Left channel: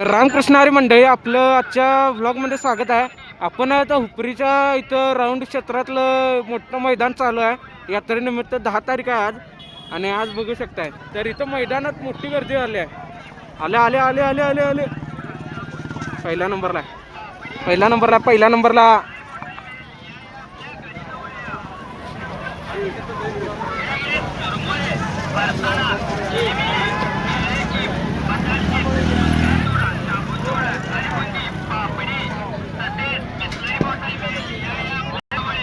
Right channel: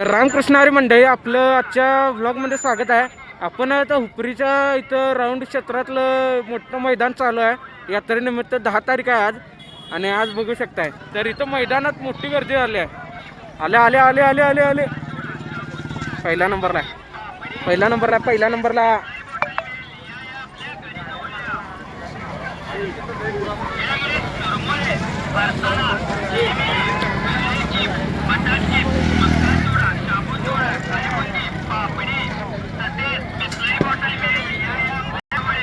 रामकृष्ण हरी मंडळी, आपलं आजच्या ब्लॉगमध्ये स्वागत आहे. आपण आता हुपरीच्या इथं राऊंड क्षेत्रातलं मोठं मैदान चालू आहे. यात्रेनिमित्त 10 तारीख आहे आज, आणि आज बघू शकताय तर इथं मैदानात मोठी गर्दी आली आहे. आले आले आले आले आले आले पहिल्या नंबरला पहिल्या नंबरला पहिल्या नंबरला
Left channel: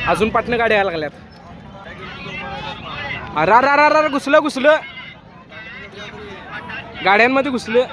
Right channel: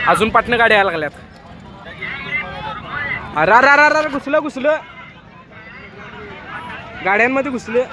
अजून पाटणं गाड्या यायला लागल्यात. अरे अरे अरे अरे घुसलं घुसलं गाड्यांमध्ये घुसलं.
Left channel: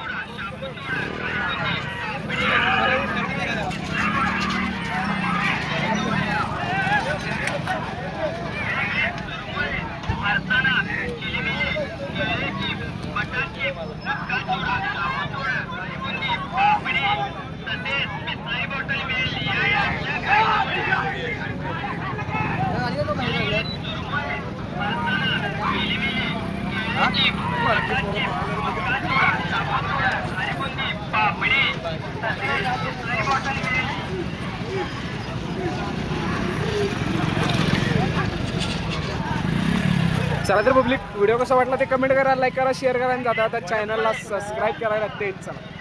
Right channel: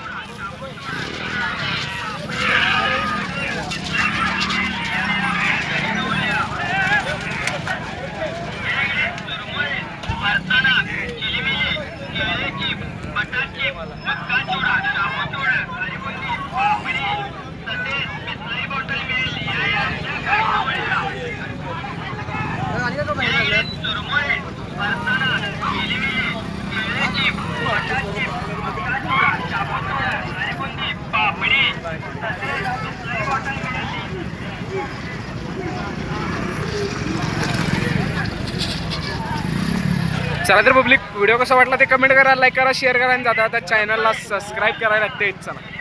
चला तर पब्लिक, व्हिडिओ कसा वाटला ते कमेंट करा, लाईक करा, शेअर करा आणि जाता चॅनलला सबस्क्राईब करायला लागते. चला.